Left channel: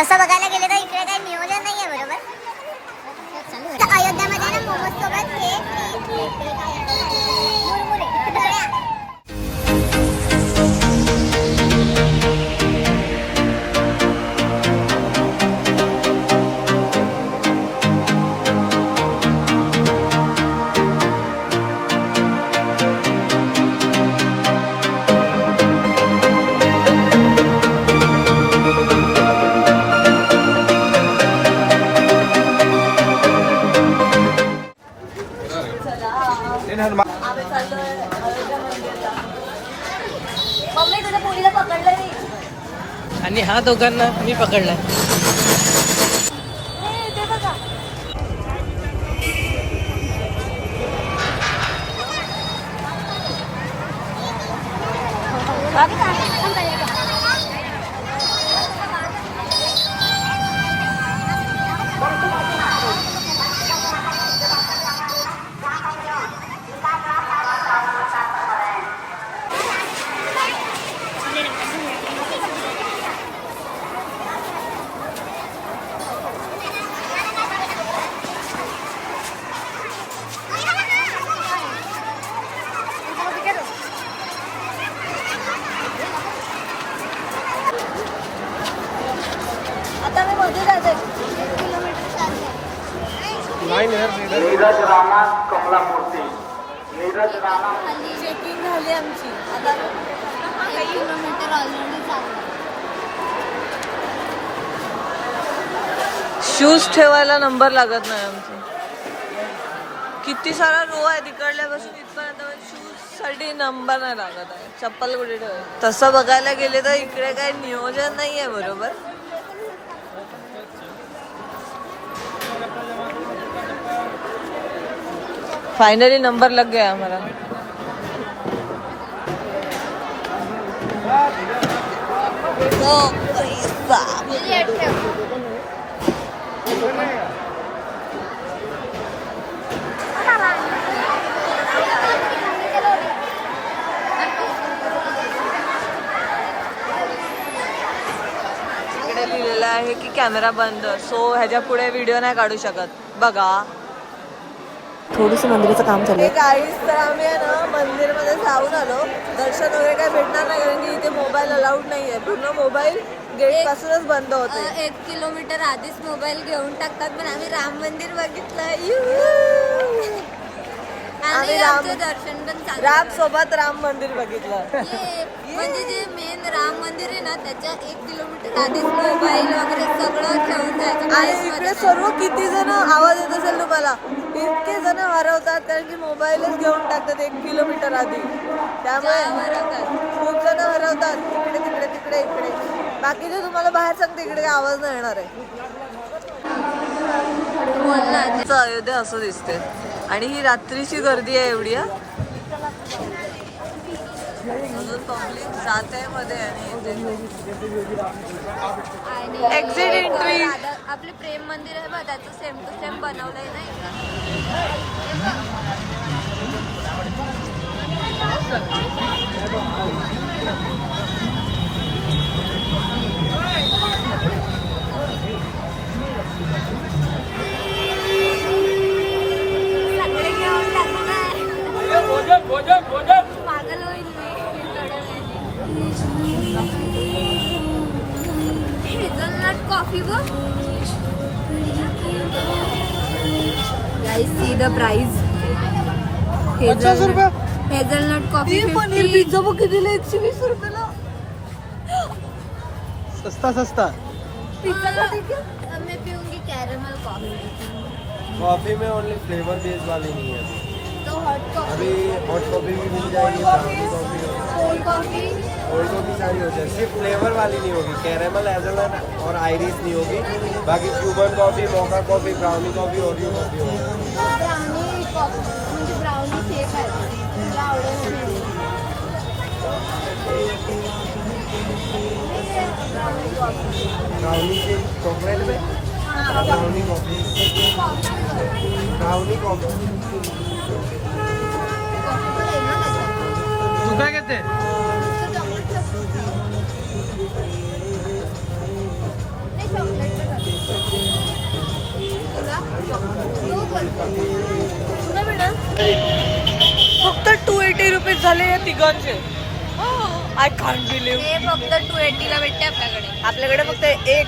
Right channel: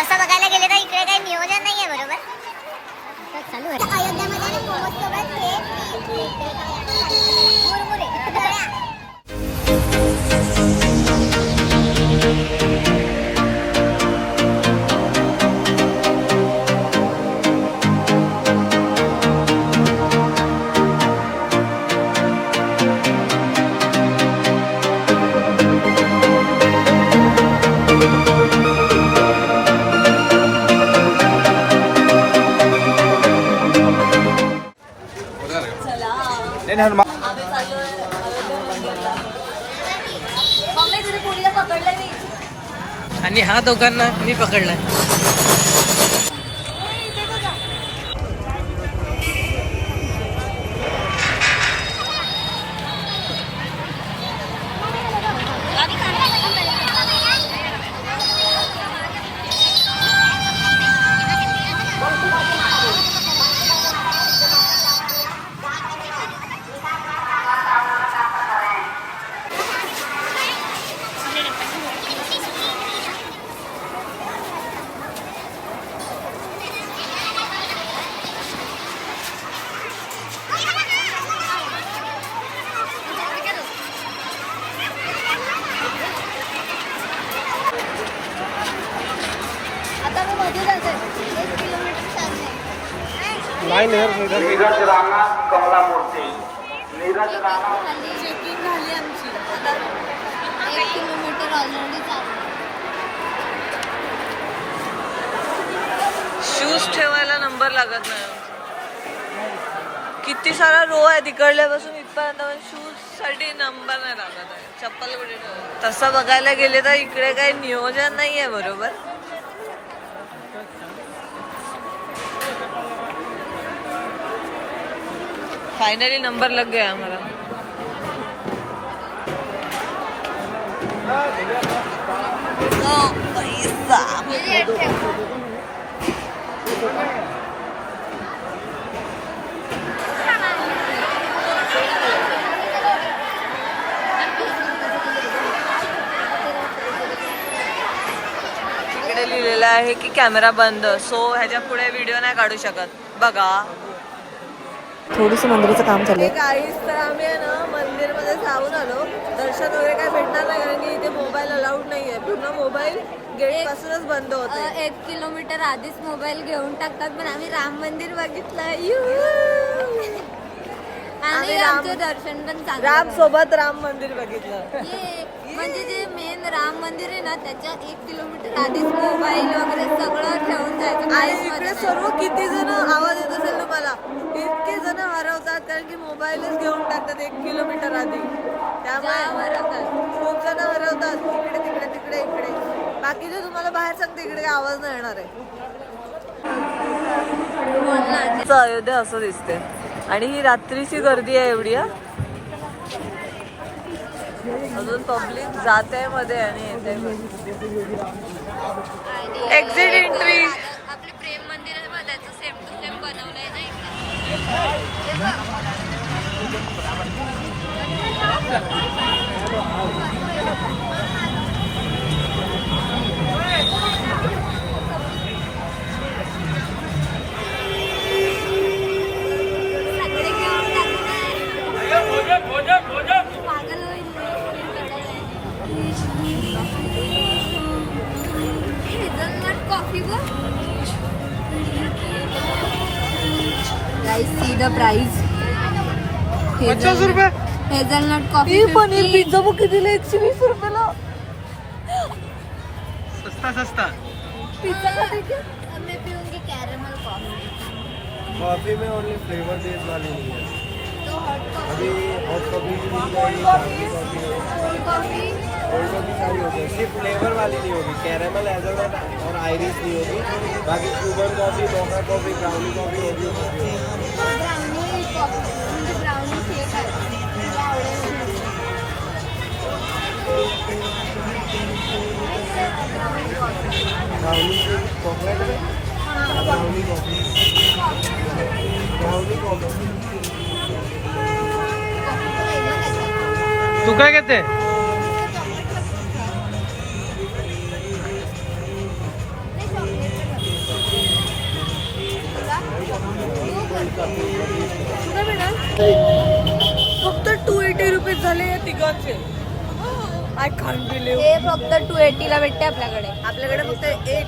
तसं बघायला गेलं तर इकडे काही नियोजन नाही आहे बरोबर अयोध्यामध्ये ना मोमोज सोबत मुरमुरे आणि हा दोघांना मी पकडलाय. झाली चेकिंग झाली आमची. आता एक किलोमीटर ऑलरेडी चाललं शूज ठेवायला नंबर लागत नाही आमचा. किती सारा रो आहे तिकडल्यापासून इथपर्यंत पण शूजसाठी नंबर नाही लागत आहे. चप्पल कुठे ठेवायची? तसं बघायला गेले तर इकडे काही नियोजन नाहीये बरोबर? फाइनली नंबर लग गया हमारा तो पैसा इकडे लिहिलेलं आहे की कॅमेरा बंद. सो ह्याच्या पुढे व्हिडिओ नाही काढू शकत. बघा. थोडस मंदिराचं काम चालू आहे. गाईस तर आम्ही आहे ना मंदिरमध्ये जाऊन आलो. दर्शन वगैरे काय भेटणार नाही कारण की इथे मोबाईल अलाउड नाहीये. पूर्ण मोबाईल गेट पासूनच बंद होते एक किलोमीटर आधीच मोबाईल घेऊन टाकतात पण आम्ही राम मंदिर बघितलं आम्ही राम- दर्शन पण. राम सोबत राम मंदिर बघितलं. ये, म्हणजे जे मेन राम मंदिर आहे ना त्याच्या एक किलोमीटर आधीच मोबाईल वगैरे सगळं ठेवून जायचं. आणि इकडे मध्ये सर्व किती जण आवाज येत असेल तुम्हाला? इतके जण हरवतात कारण की मोबाईलच घेऊन टाकतात एक किलोमीटर आधी. त्यामुळे. खूप जण हरवतात. इकडे तिकडे तिकडे इकडे. बाकीचे तुम्हाला बाहेर सांगते इकडे आवाज नाही येणार आहे. अयोध्या असं दिसते आणि ही रात्रीची गर्दी आहे एवढी हा. अजून पब्लिक जात आहे मध्ये आणि येते आणि Exit एक entry. राधा- आपले प्रेम मंदिर आहे बघ त्याचं सेम टू सेम बनवलंय ना 别坐了，别坐了，别坐了，别坐了。प्राइस पचास रुपये? हेझलनट कॉफ़ी पिझ्झा बुक कितीला एकशे वीस रुपयाला. सस्ता सस्ता. पिझ्झा खाते क्या मैं पीऊँगी कैरेमल कॉफ़ी कॉफ़ी में ओनली फ्लेवर बेस्ड वाली नहीं है। तो हॉट कॉफ़ी अभी हॉट कॉफ़ी भी मिल जाएगी coffee coffee cold coffee cold coffee सारी हो जाएगी। सिर्फ़ फ्लेवर वाली नहीं होगी। कैरेमल एजलनट और आयरिस नहीं होगी। बाकी Cuban coffee mocha coffee brownie coffee Oreo coffee होगी म्हणजे ब्राउनी शेक आहे तुला आवडेल म्हणून. ब्राउनी से चॉकलेट में brownie coffee brownie coffee coffee पण आहे ना त्याच्यात तू काय घेते नुसतं chocolate नाही chocolate कुठे मिळणार फक्त टू एटी रुपीज झाले या तिघांचे. आय कांट बिलीव्ह हे फक्त टू एटीला भेटते आपल्याकडे. आपल्याकडे फक्त एक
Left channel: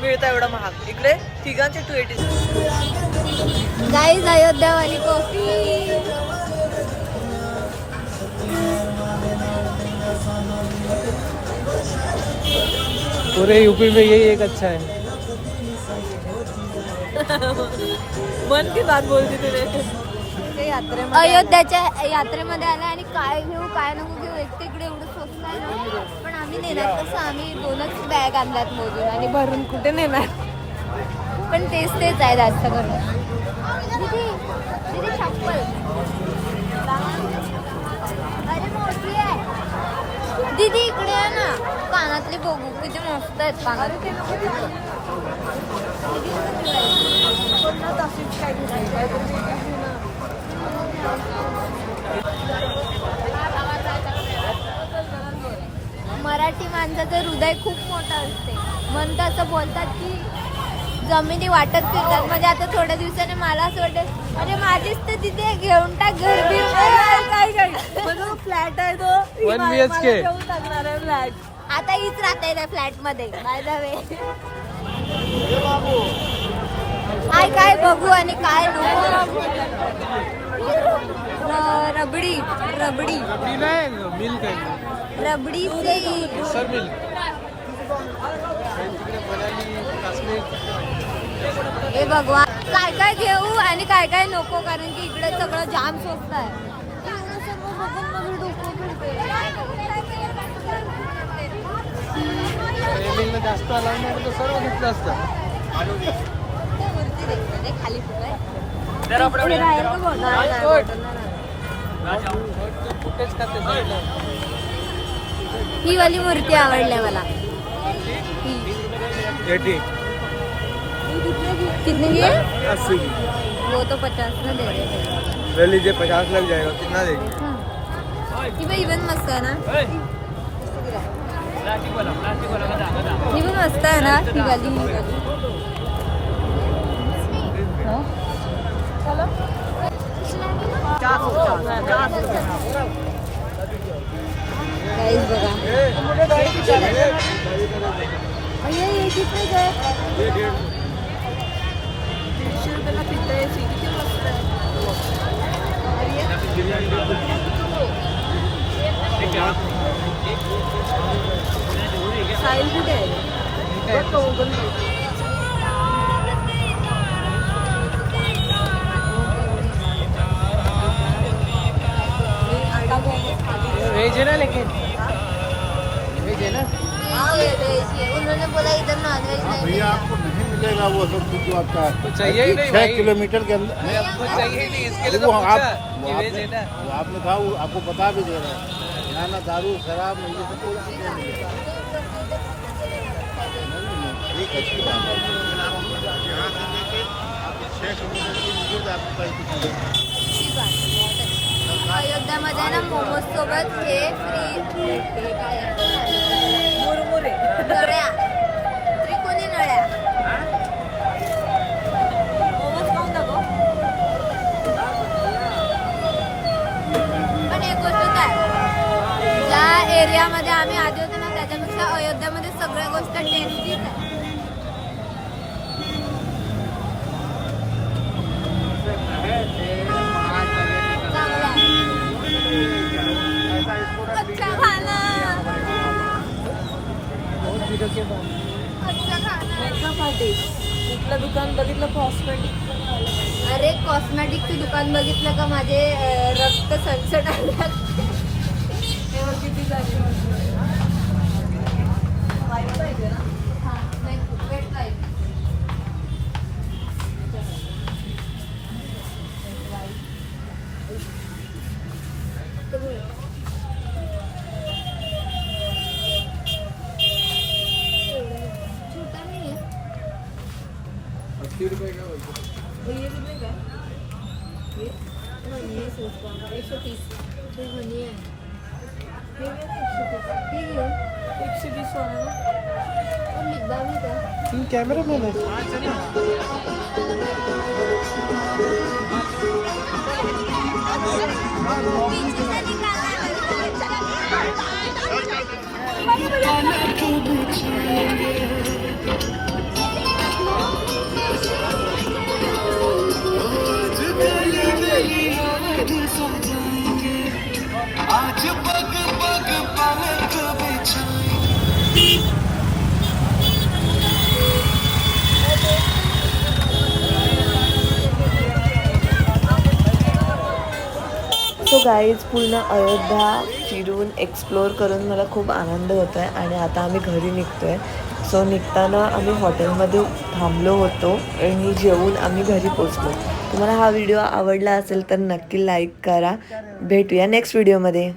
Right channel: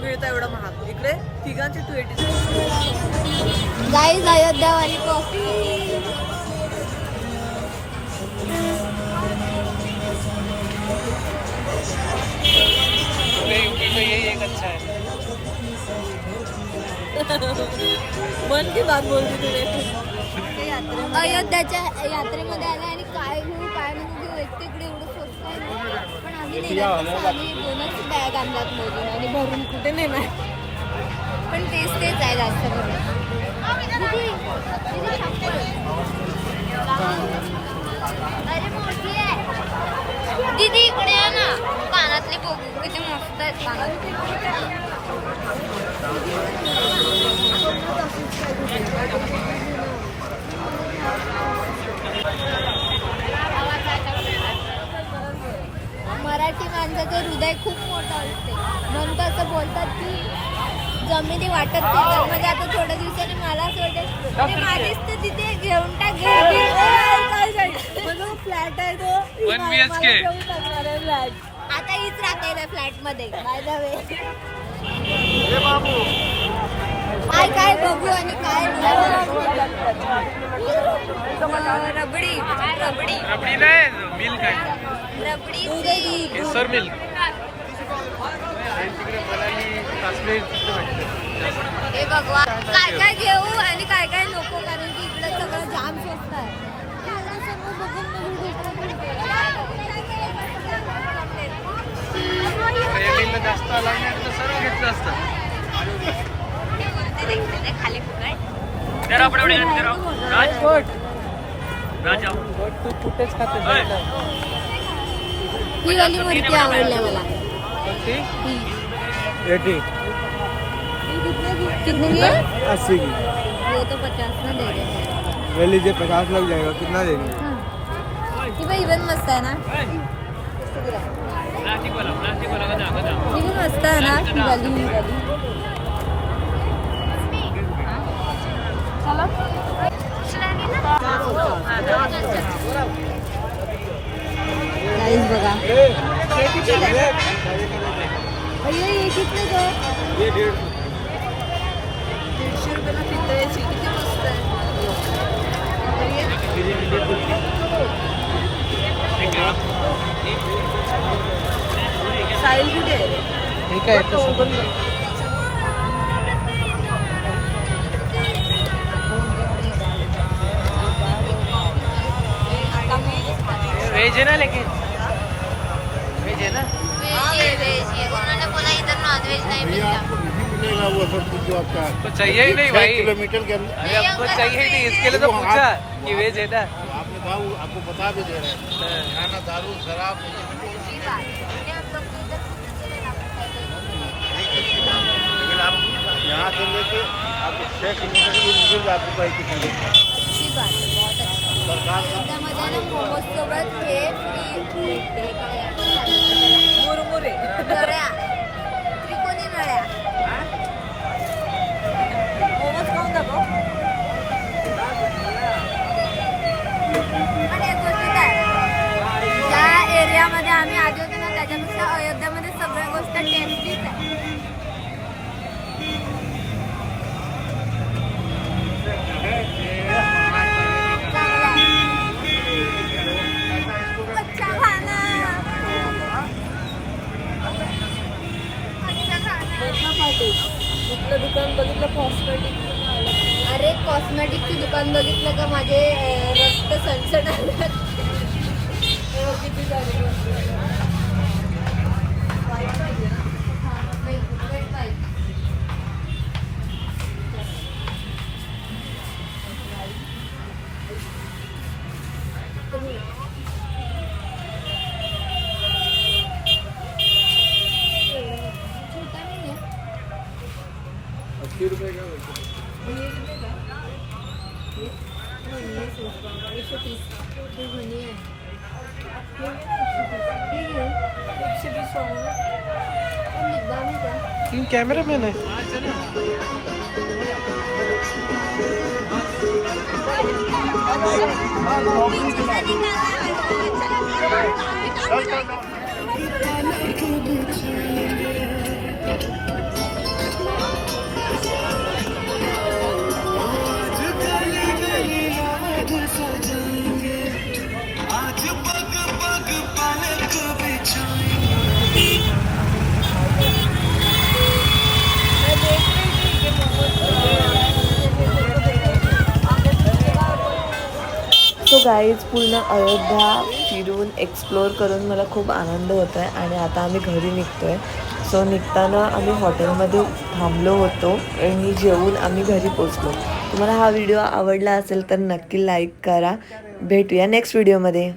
मिळतं एवढं महाग. इकडे तिघांचे टू एटी गाईज अयोध्यावाली कॉफी पूरे यूपी में यही एक अच्छा है. मन की बात बोलती तुझे अयोध्याच्या यात्रेमध्ये आला आणि काय घेऊ काय नको घेऊ एक तर इकडे एवढं स्वस्त आहे ना. पण आम्ही नेणार कसं आम्ही दोनच बॅग आणल्यात मोजून आणि भरून कुठे नेणार? पण तेच तेच आहे जास्त करून. दीदी, इकडे आहे ना. कानातले बघू किती मस्त आहेत कानातले मराठी माणसाचं हृदय खूप मोठं असते. म्हणून तर असं बोलतात की जमिनी वाटत फिरतात म्हणजे आता थोड्या दिवसाने मला असं वाटेल म्हणजे माझीच तर तिथे घेऊन टाक घर बीर. काय काय फ्लॅट आहे तो. ही मला- घेऊन टाकणार आहे फ्लॅट. आता हीच राहते फ्लॅटमध्ये बाय द वे काय काय बघू आणि काय रबडी. रबडी. रबड़ी नहीं मिल्क है रबडी सी केसर मिल्क हे भगवान काय काय घेऊ आणि काय काय नको कारण की इकडे सगळं जाम स्वस्त आहे. बघून माझं डोकं फिरते. जास्त आला नाही तर सर्व घेतलं असतं. खाली फुकट कुठेच खाते ही वाली मूर्ती आवडली मला. ही. कितने की है? अस्सी की. वो तो पचास में दे रहे थे ले लीजिए पचास लग जाएगा कितना देंगे? ही. भाई इवन मस्त है ना? इवन मस्त है ना ही वाली ही वाली Guys, बघा अय्या, हे कितने का है? ये डेढ़ वेज है ना लेकिन वेज है ना वेज है, वेज है। उन्होंने बोला इधर नॉनवेज नहीं मिलता मिलेगा वो सब कुछ जो आपका तो चाहिए ही नहीं छह भाई। किलोमीटर के अंदर। अरे हमको चाहिए ही नहीं इसके लिए तो पूछा कि वेज है ना। आपने कहा वो आपको बता भी दे रहे हैं। खाना दारू शराब ये सब कुछ ये बात है। ये हम लोग को इधर एक अच्छी बात है। अगर आप यहाँ देंगे तो आपको छह किलोमीटर दूर आपको बाइक दिखाएंगे अच्छी बात है बहुत अच्छा अयोध्यामध्ये ना मोमोज सोबत हे फ्री। हे। काय आहे? मुरमुरे नळ्या त्रिकोणी नळ्या मोमोज खाऊन दाखव पण एक गोष्ट काय ज्या एरियामध्ये आम्ही आधी होतो ना त्याच्यापेक्षा अयोध्यामध्ये सगळ्या गोष्ट टेस्टीच आहे. कुठलं दुकान बघितलं? कॉस्मेटिक अरे कॉस्मेटिकचं दुकान बघितलं का? माझे रक्त सणसण आलं. किती झाले छोटा नाही रुपये का एकशे तीस हे म्हणी आहे एकशे वीस वाला ना पण लिप बाम आहे का पूर्ण अयोध्या फिरून एक्सप्लोअर करून मला खूप आनंद होतो आहे आणि आता आम्ही घरी निघतो आहे सो निघताना आम्ही हॉटेलमध्ये थांबलो होतो आणि जेवून आम्ही घरी पोचलो. तुम्हाला हा व्हिडिओ आवडला असेल तर नक्की लाईक करा. भेटूया नेक्स्ट व्हिडिओमध्ये